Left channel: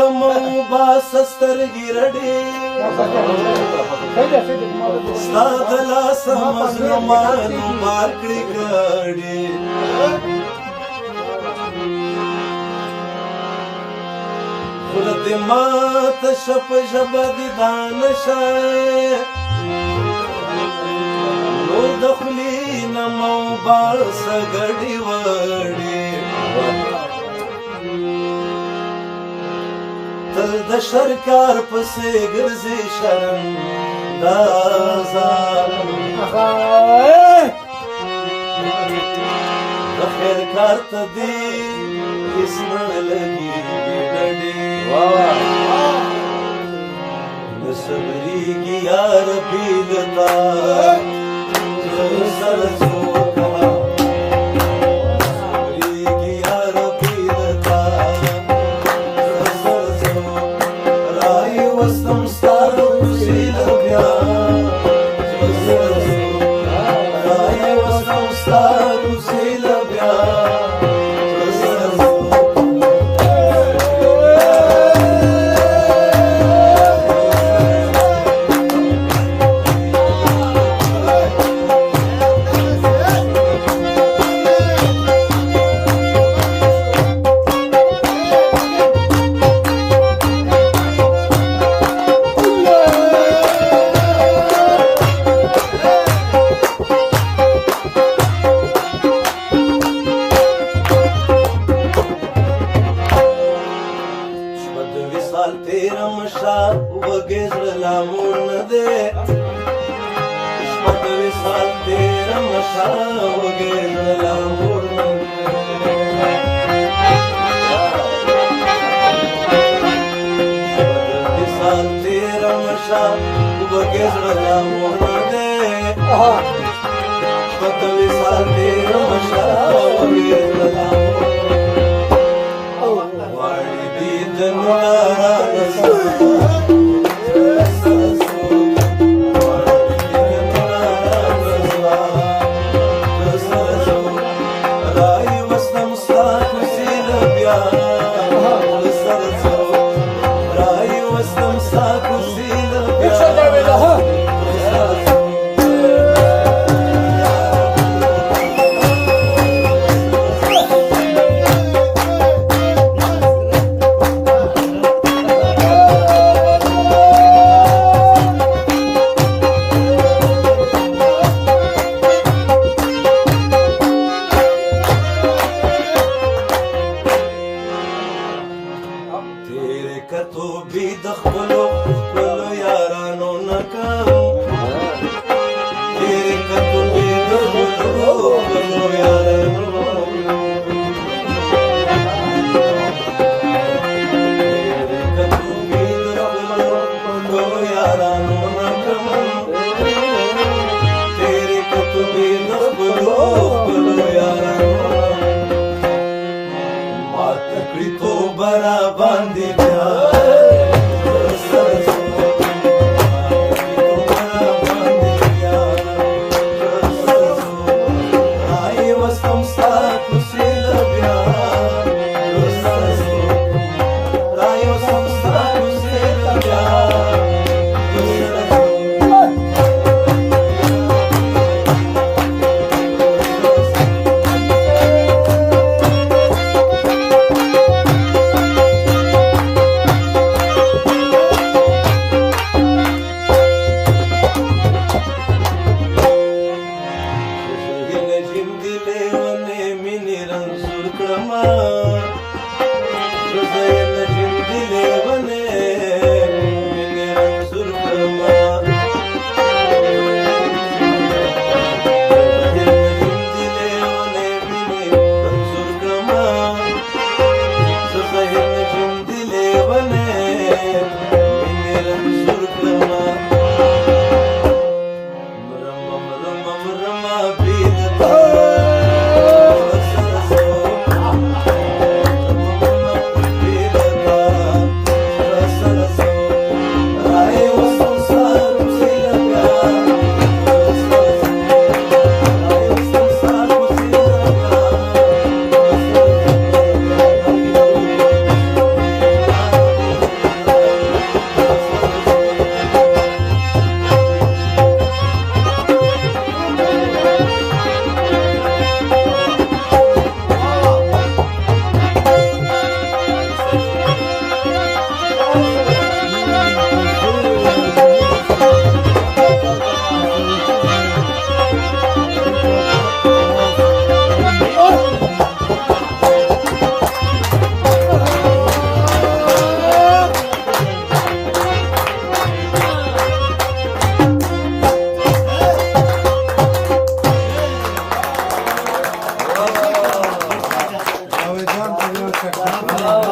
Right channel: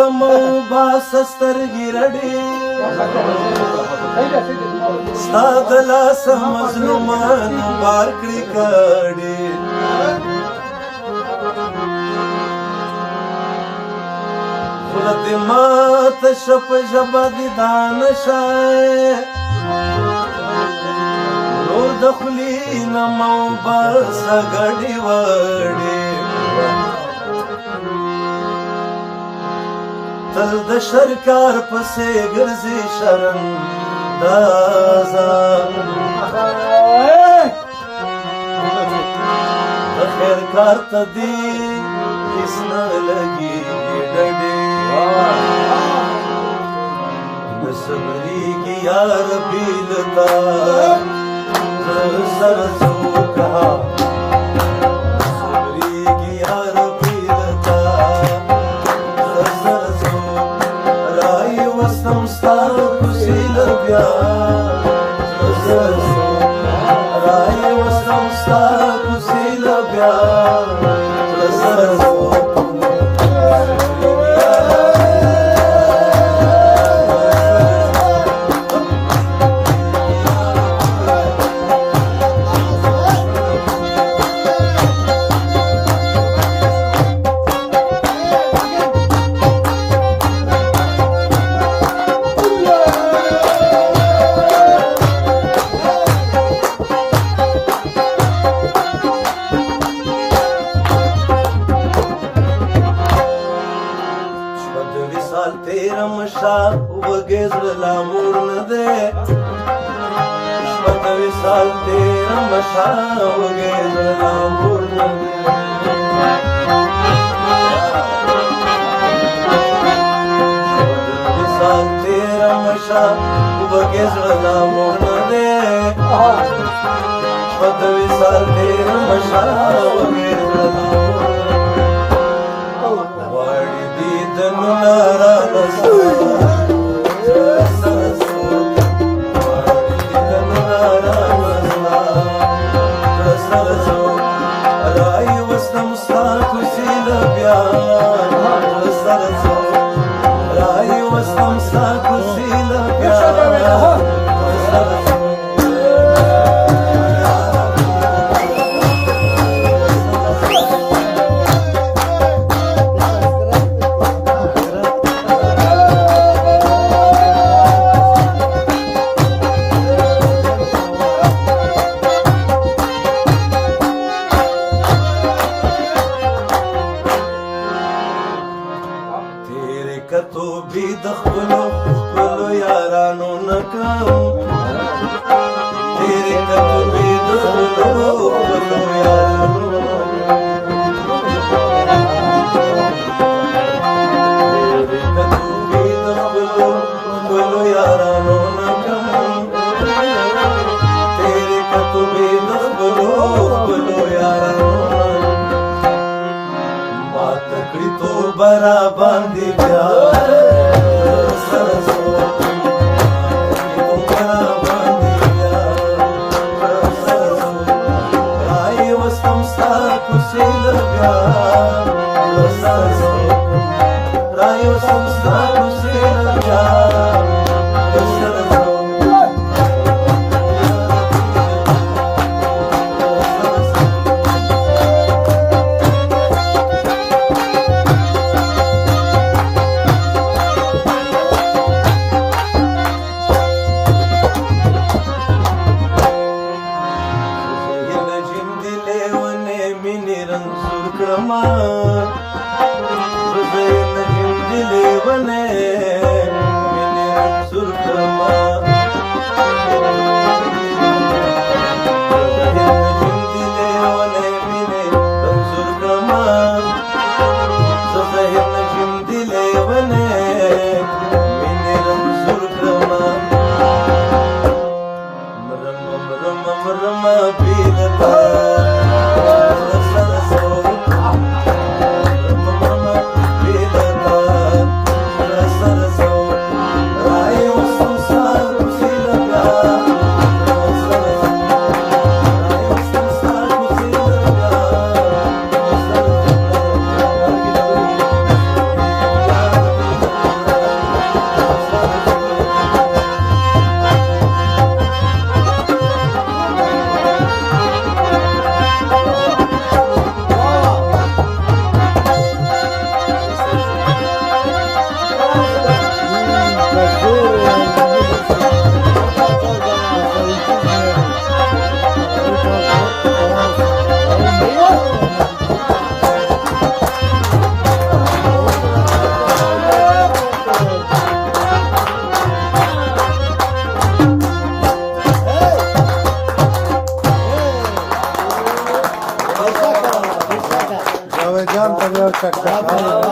ماتم باسستر ګرړې ستا د لاس مظلومانو بار کړې کړې خوله دې ماته شپ ژبه دې دانه شای نور د خولې نه مه وباسه ګډې وړې تل د شر کار پسې ګرځې شرم دازا د خیر کار ته دې هېڅ نه لګېږي ډډې نه صبرېږي یار بې له تا زړه سره څوک وږې زړه لا موړ نه دی شپږ وصال تېرمه شا وږې زړه لا موړ نه دی شپږ وصال تېرمه شا وږې زړه لا موړ نه دی شپږ وصال تېرمه شا وږې زړه لا موړ نه دی غواړي دیدنونه رانه کتو بی د خپلو خپلو یارانو نه کم تیرې کتو بی د خپلو خپلو یارانو نه کم تیرې کتو بی د خپلو خپلو یارانو نه کم تیرې کتو بی د خپلو خپلو یارانو نه مات کړي تو برا باندې بیا ભાઈ